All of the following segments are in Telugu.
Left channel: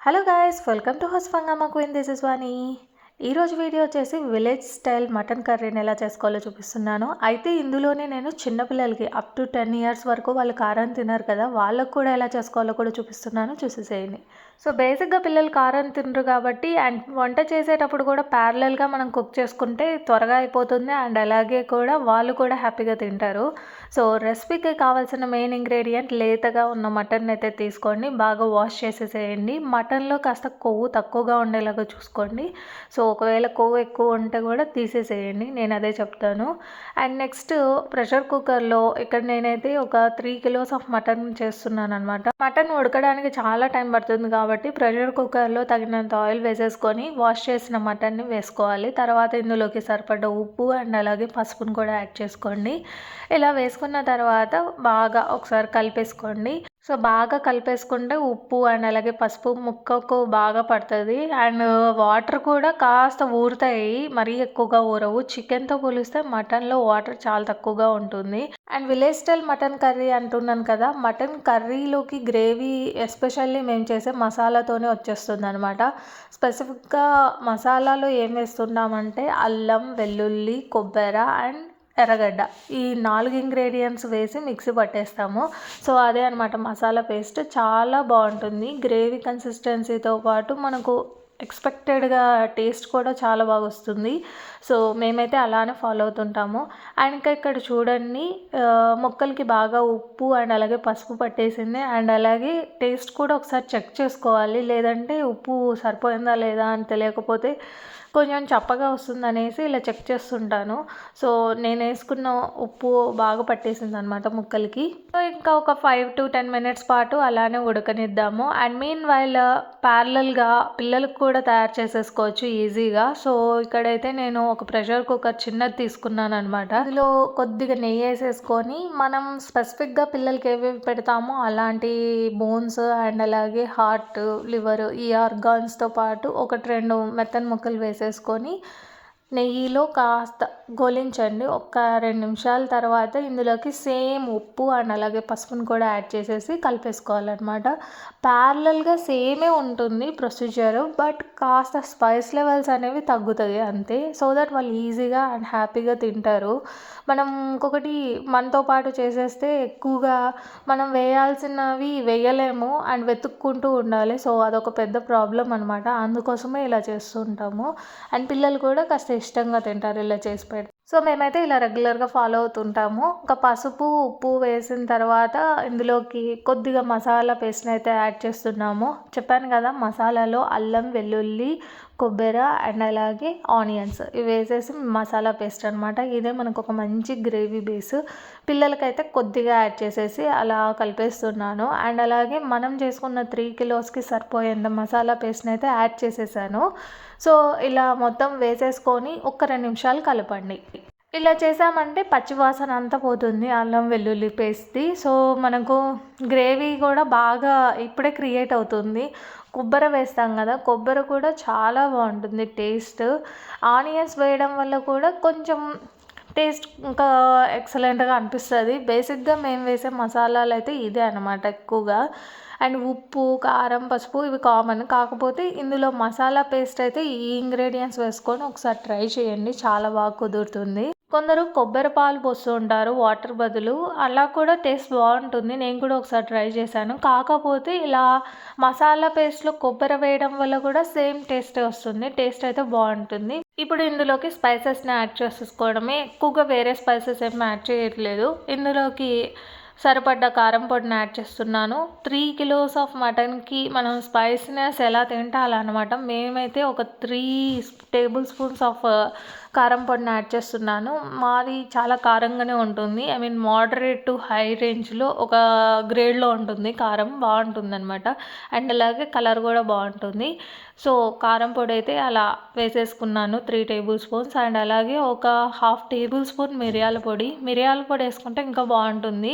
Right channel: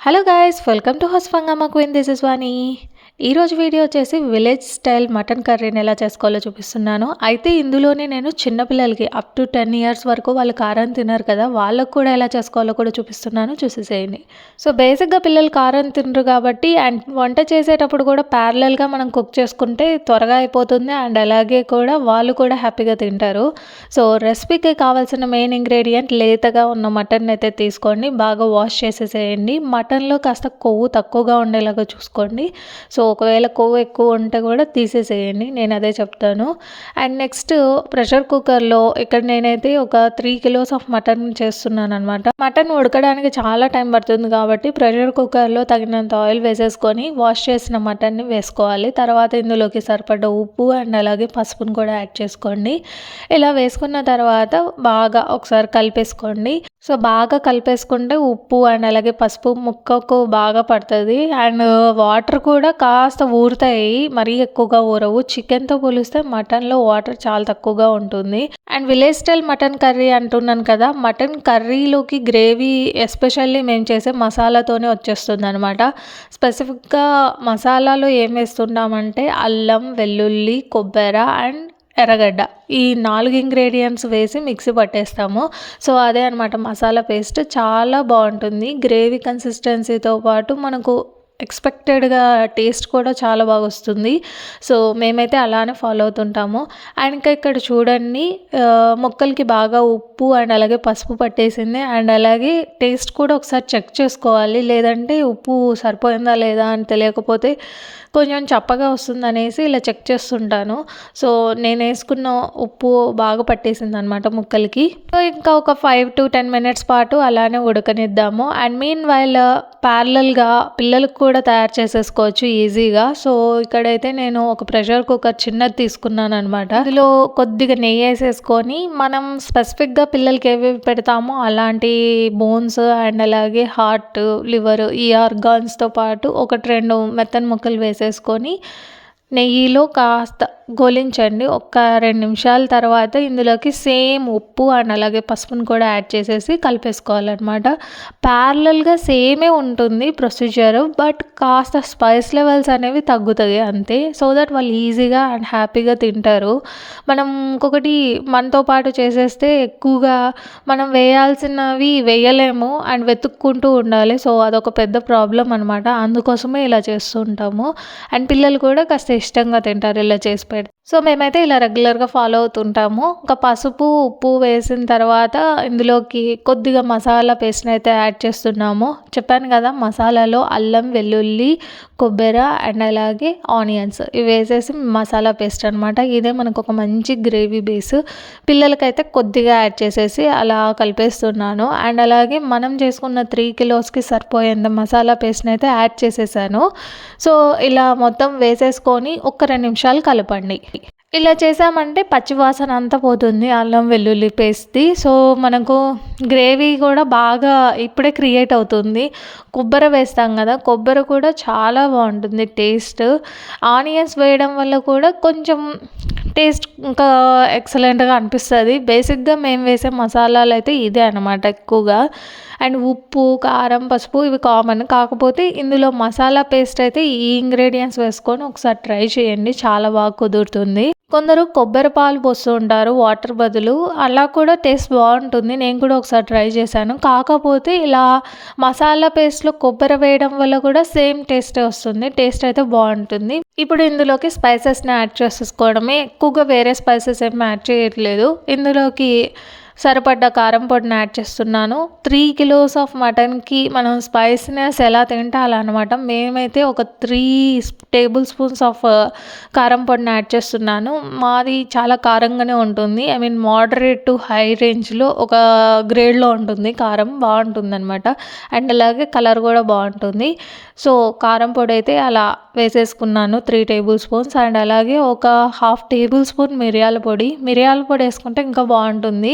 హలో గాయస్ వెల్కమ్ టు హస్ఫంగమ్మ క్వీన్ దిస్ ఇస్ వాణి ఈరోజు వీడియో వచ్చేసి విలేజ్ స్టైల్ మటన్ కర్రీని ఎలా చేసుకోవాలో చూపిస్తున్నాను. అయితే ఇందులోనే నేను చిన్నపిల్లలకి అప్ టు టెన్ ఇయర్స్ వరకు వాళ్ళు కారం తినరు కదా వాళ్ళకు కూడా ఎలా చేసుకోవాలో కూడా చూపిస్తున్నాను. చూసేసేయండి. సో బేసిక్గా పిల్లలు కారం తినరు కాబట్టి అండ్ వంట చేసేటప్పుడు కూడా ప్యారలల్గా మనం కుక్ చేసుకుంటే త్వరగా అయిపోతుంది అండ్ అలాగే కూడా వాళ్ళు కూడా హ్యాపీగా తింటారు. సో రెసిపీకి కావాల్సిన మెయిన్ ఇంగ్రీడియంట్ లేతగా ఉన్న మటన్ అయితే తీసుకోండి. బాగా వాష్ చేసేసేయండి. మటన్లో కాస్త కొవ్వు తక్కువగా ఉండేలాగా చూసుకోండి. సో ఒకవేళ కొవ్వు ఎక్కువ ఉంటే కూడా తీసేసేయండి నేను అదే చెప్తాను. అండ్ నెక్స్ట్ ప్రెషర్ కుక్కర్లో ఇక్కడ నేనైతే ఒక త్రీ కిలోస్ ఆఫ్ మటన్ చేస్తున్నాను అనమాట మటన్ ఉడకడానికి చాలా టైం పడుతుంది కాబట్టి ప్రెషర్ కుక్కర్లో తగినంత ఆయిల్ వేసేసుకొని వాష్ చేసిన మటన్ని వేసుకోవాలి. తర్వాత ఇందులోకి సరిపడ్డ ఉప్పు అండ్ అలాగే పసుపును కూడా యాడ్ చేసుకోండి. ఇలా వేసుకున్న తర్వాత బాగా ఒకసారి కలిపేసుకోండి. సో బాగా కలిపేసుకుంటే ఉప్పు అండ్ అలాగే పసుపు ముక్కకు బాగా పడుతుంది. అండ్ వాటర్ కూడా కాస్త ఊరుతాయి. మరీ ఎక్కువగా ఊరవు. చికెన్తో పోలిస్తే మటన్లో వాటర్ చాలా తక్కువగా ఉంటుంది. And village style mutton curry అంటున్నాను కదా మటన్ కర్రీలోకి గ్రేవీ ఎస్పెషల్లీ మేము చేసే మసాలాతోనే వచ్చేస్తుంది అనమాట స్పెసిఫిక్గా మసాలాలో ఏం వేస్తున్నామంటే అల్లం వెల్లుల్లి కొబ్బరి అండ్ ఎర్రగడ్డ. ఈ నాలుగు ఇంగ్రీడియంట్స్ వేసి మిక్సీ పట్టేస్తాము. సో అదే అనమాట మసాలా పేస్ట్ చాలా బాగుంటుంది. గ్రేవీ కన్సిస్టెన్సీతో పాటు మనకు ఎక్స్పెక్టెడ్గా టేస్ట్ కూడా చాలా బాగా వస్తుంది. సో మేమైతే అలానే ఫాలో అవుతుంటాము. అండ్ ఇంకా ఇక్కడ చూడండి మొక్కలకి బాగా ఉప్పు అండ్ అలాగే పసుపు పట్టేసింది. అండ్ అలాగే టేస్ట్ కూడా ఒకసారి చెక్ చేసుకోవాలి. లేదంటే ఉప్పు సరిపోయిందా లేదా అని తెలియకపోతే కొంచెం చప్పగా వస్తుంది అనేసి ఇలా చెక్ చేస్తుంటాను. సో నేను వేసుకున్న ఉప్పు బాగా పట్టేసింది అనమాట ముక్కలకి. సో ఇంకా ఒక ఫైవ్ టు టెన్ మినిట్స్ పాటు అలానే ఉడకనిద్దాము. అండ్ మీన్ వైల్ ప్యారలల్గా పిల్లలకు కూడా తయారు చేసేసుకోవచ్చు ఈజీగా. సో ఇక్కడైతే నేను ఒక ప్రెషర్ కుక్కర్ చిన్నది తీసుకున్నాను అనమాట ఇందులో కొద్దిగా నెయ్యి వేసేసుకొని మనం స్పెసిఫిక్గా పిల్లలకి ఏవి పెడతామో అలాంటి బోన్స్ అండ్ అలాగే హార్ట్ లివర్ ఈ ఆర్గాన్స్తో పాటు ఒకటి రెండు మెత్తని ముక్కలు వేసేసుకొని నెయ్యిలో కాస్త గోలించండి. ఒక రెండు నిమిషాల తర్వాత ఇందులోకి సేమ్ ఉప్పు అండ్ అలాగే పసుపును కూడా యాడ్ చేసేసి కలిపేసుకోవాలన్నమాట. ప్యారలల్గా సేమే ఉంటుంది ప్రొసీజర్ బట్ కాస్త స్పైస్ లెవెల్స్ అనేవి తగ్గుతాయి అంతే. సో దట్ వాళ్ళు ఈజీగా అండ్ హ్యాపీగా తింటారు. మనం ఇంకొకటి మనతో పాటు చేసేస్తే ఎక్కువగా మనం వేయాల్సినవి వేయలేము అండ్ వెతుక్కుంటూ ఉండాలి. సో అదొక పెద్ద ప్రాబ్లం అనమాట అందుకోసమే ఇలా చేస్తూ ఉంటాము. అండ్ పిల్లలు కూడా కాస్త ఇష్టంగా తింటారు ఇలా చేసి పెడితే సో మేమైతే ఇలా రెగ్యులర్గా ఫాలో అవుతుంటాము. ఇంకా పసుపు ఉప్పు వేసిన తర్వాత ఇందులోకి కొద్దిగా మసాలా పేస్ట్ని అయితే యాడ్ చేస్తున్నాము. చెప్పాను కదా మసాలాలో అల్లం వెల్లుల్లి కొబ్బరి అండ్ అలాగే ఆనియన్స్ ఇవి వేసేసి మసాలా పేస్ట్ అనమాట ఇదే మనకు ఒక మంచి గ్రేవీ బేస్. పిల్లలకైతే కొద్దిగా యాడ్ చేసేసి అలా కలిపేస్తున్నాను. అండ్ అలాగే మనం చేసుకున్న త్రీ కిలోస్కి సరిపోయేంత మసాలా పేస్ట్ని అయితే యాడ్ చేసేసాను. సో ఇలా మొత్తం వేసేసుకొని ఒక రెండు నిమిషాలు కలపండి. ఇలా చేసామంటే పచ్చివాసన అంతా పోతుంది అల్లం వెల్లుల్లి పేస్ట్ది. సో మనకు గ్రేవీ కూడా బాగా ఇప్పుడే క్రియేట్ అవుతుంది. కొబ్బరి వేస్తాం కదా కొబ్బరి కూడా చాలా బాగుంటుంది టేస్ట్. ఆనియన్స్ వేయడం వల్ల కూడా కొంచెం టేస్ట్ ఇంకా ఎక్సలెంట్గా అనిపిస్తుంది. బేసిక్గా మేము వేసే మసాలాలు అయితే ఇదే అనమాట ఎక్కువగా. అండ్ ఉప్పు కారం పసుపు ఇవి కామన్. కాకపోతే ఇందులో మసాలా పేస్ట్ అయితే ఈ ఇంగ్రీడియంట్స్ వేసుకొని ఒకసారి ట్రై చేయండి చాలా బాగా కుదురుతుంది. కొందరు కొబ్బరి పాలు పోస్తూ ఉంటారు వాటర్ బదులు. అలా కూడా టేస్ట్ బాగుంటుంది. నేను కూడా ఒకసారి ట్రై చేశాను. కాకపోతే ఇలా మసాలా పేస్ట్లో కొబ్బరి వేయడం వల్ల కూడా సేమ్ టేస్ట్ వస్తుంది. టేస్ట్ అయితే బాగుంటుంది. ఇప్పుడు ఇందులోకి స్పైసెస్ని యాడ్ చేసేసుకోవడమే. ఎక్కువగా వేరే స్పైసెస్ ఏమి యాడ్ చేయట్లేదు. ఇందులోకి సరిపడ్డ కారం పొడిని యాడ్ చేస్తున్నాను. త్రీ కిలోస్ ఆఫ్ మటన్కి మనం స్పైసీనెస్ ఎలా తింటాలన్నమాట మేమైతే ఒక త్రీ టేబుల్ స్పూన్స్ ఆఫ్ కారం పొడిని యాడ్ చేస్తున్నాను. మాది చాలా కారంగానే ఉంటుంది. I mean moderate to high రేంజ్లో ఒక గ్రేడ్లో ఉంటుంది. కారం బాగుంటుంది అనమాట అండ్ అలాగే కలర్ కూడా బాగుంటుంది. సో కారం పొడి అయితే అలా వేసేసుకున్నాను త్రీ టేబుల్ స్పూన్స్. అండ్ అలాగే ఒక హాఫ్ టేబుల్ స్పూన్ మిరియాల పొడి. మిరియాల పొడి వేసుకుంటే ఇంకా బాగుంటుంది.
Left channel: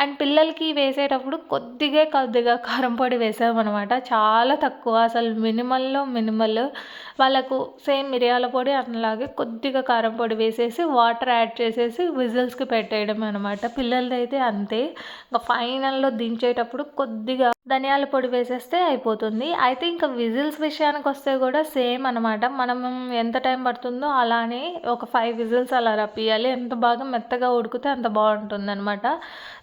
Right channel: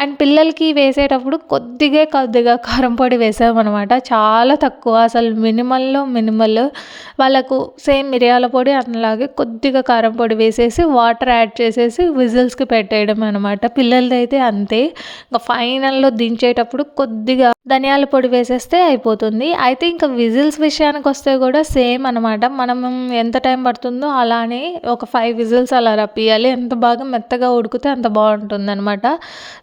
అండ్ పిల్లలకి వేసేటప్పుడు కొద్దిగా కొద్దిగా కారం పొడి వేసామన్నమాట. చాలా తక్కువ అసలు మినిమల్లో మినిమల్. వాళ్ళకు సేమ్ మిరియాల పొడి అలాగే కొద్దిగా కారం పొడి వేసేసి వాటర్ యాడ్ చేసేసి విజిల్స్కి పెట్టేయడం అనమాట పిల్లలది అయితే అంతే. ఇంకా ఫైనల్లో దించేటప్పుడు కొద్దిగా ధనియాల పొడి వేసేస్తే అయిపోతుంది. అయితే ఇంకా విజిల్స్ విషయానికి వస్తే కూడా సేమ్ అనమాట మనం ఎంత టైం పడుతుందో అలానే ఒక ఫైవ్ విజిల్స్ అలా రప్పియాలి. ఎంత బాగా మెత్తగా ఉడికితే అంత బాగుంటుంది అనమాట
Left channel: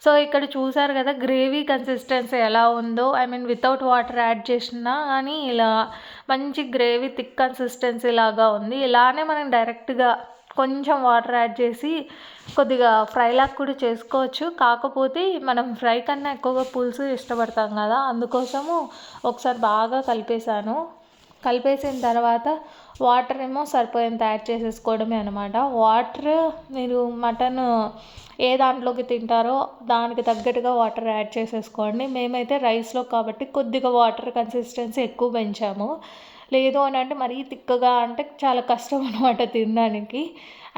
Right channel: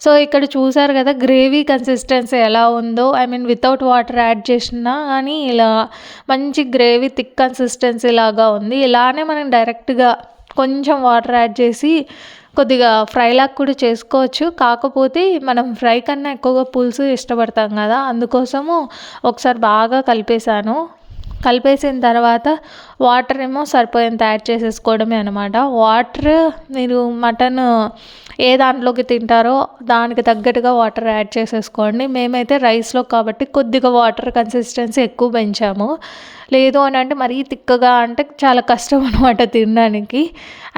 సో ఇక్కడ చూసారు కదా గ్రేవీ కన్సిస్టెన్సీ ఎలా ఉందో I mean without water add చేసినా కానీ ఇలా మంచి గ్రేవీ థిక్ కన్సిస్టెన్సీ లాగా ఉంది. ఇలానే మనం డైరెక్ట్గా కొంచెం వాటర్ యాడ్ చేసి కొద్దిగా ఫ్రైలాగా కూడా చేసుకోవచ్చు. కాకపోతే మనం ఫ్రై కన్నా ఎక్కువగా పులుసు ఇష్టపడతాం కదా అందుకోసము ఒకసారి బాగా కలిపేశాను. కలిపేసిన తర్వాత వాటర్ ఏమో సరిపోయేంత యాడ్ చేసేసుకోవడమే అనమాట వాటర్ మీరు మటన్ ఏ దాంట్లోకి తింటారో దానికి తగ్గట్టుగా వాటర్ యాడ్ చేసేసుకోండి. మేమైతే రైస్లో కాబట్టి కొద్దిగా వాటర్ కన్సిస్టెన్సీ ఎక్కువ పెంచాము. లేదు అని అంటే మరీ తిక్కగా అంటే చాలా కష్టం అనమాట తినడానికి.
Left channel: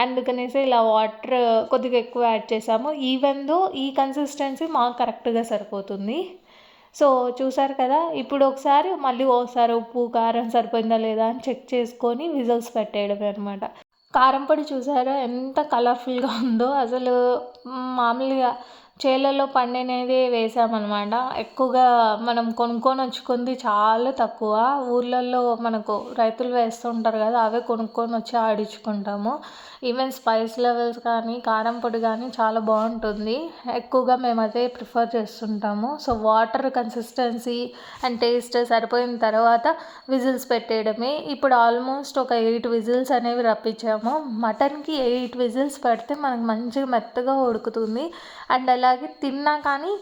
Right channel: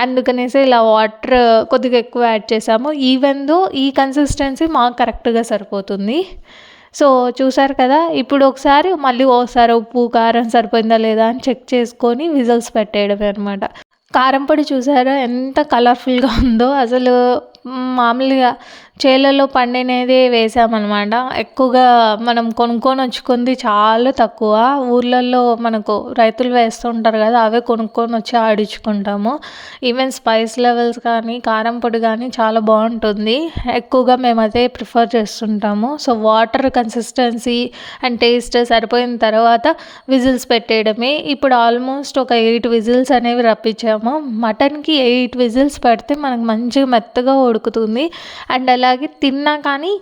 అందుకనేసి ఇలా వాటర్ కొద్దిగా ఎక్కువ యాడ్ చేసాము. ఈవెన్ దో ఈ కన్సిస్టెన్సీ మాకు కరెక్ట్గా సరిపోతుంది. సో చూసారు కదా ఇప్పుడు ఒకసారి మళ్ళీ ఒకసారి ఉప్పు కారం సరిపోయిందా లేదా అని చెక్ చేసుకొని విజిల్స్ పెట్టేయడమే అనమాట కారంపొడి చూసారా? ఎంత కలర్ఫుల్గా ఉందో. అసలు మామూలుగా చేలలో పండినదే వేసామన్నమాట. ఎక్కువగా మనం కొనుక్కొని వచ్చుకుంది చాలా తక్కువ. ఊర్లలో మనకు రైతులు వేస్తుంటారు కదా అవే కొనుక్కొని వచ్చి ఆడించుకుంటాము. ఈవెన్ స్పైస్ లెవెల్స్ కానీ కారం పొడి కానీ చాలా బాగుంటుంది. ఎక్కువగా మేము అదే ప్రిఫర్ చేస్తుంటాము. So water consistency and taste సరిపోయిన తర్వాత విజిల్స్ పెట్టేయడమే. ఇప్పుడు ఆల్మోస్ట్ ఒక ఎయిట్ విజిల్స్ అనేవి రప్పించాము. మటన్కి ఎయిట్ విజిల్స్ పెడితే మనకు మంచిగా మెత్తగా ఉడుకుతుంది. అండ్ అలాగే తిన్నా కానీ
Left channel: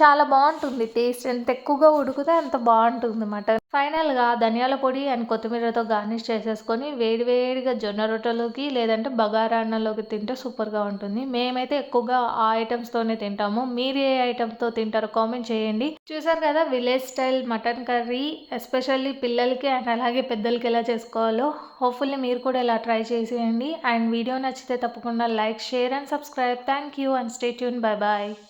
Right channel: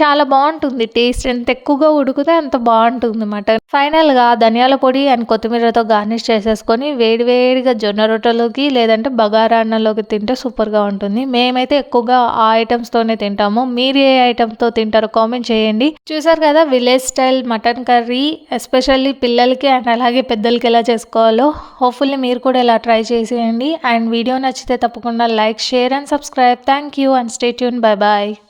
చాలా బాగుంటుంది. టేస్ట్ ఎంత ఎక్కువగా ఉడికితే అంత బాగుంటుంది మటన్ ఫైనల్గా ధనియాల పొడి అండ్ కొత్తిమీరతో గార్నిష్ చేసేసుకొని వేడివేడిగా జొన్న రొట్టెలోకి లేదంటే బగారా అన్నంలోకి తింటే సూపర్గా ఉంటుంది. మేమైతే ఎక్కువగా ఆ ఐటమ్స్తోనే తింటాము. మీరు ఏ ఐటమ్తో తింటారో కామెంట్ చేయండి. చూసారు కదా village style mutton curry especially పిల్లలకి అండ్ అలాగే పెద్దలకి ఎలా చేసుకోవాలో. హోప్ఫుల్లీ మీరు కూడా ఇలా ట్రై చేసేయండి. అండ్ వీడియో నచ్చితే తప్పకుండా like share and subscribe thank you and stay tuned bye bye Bye.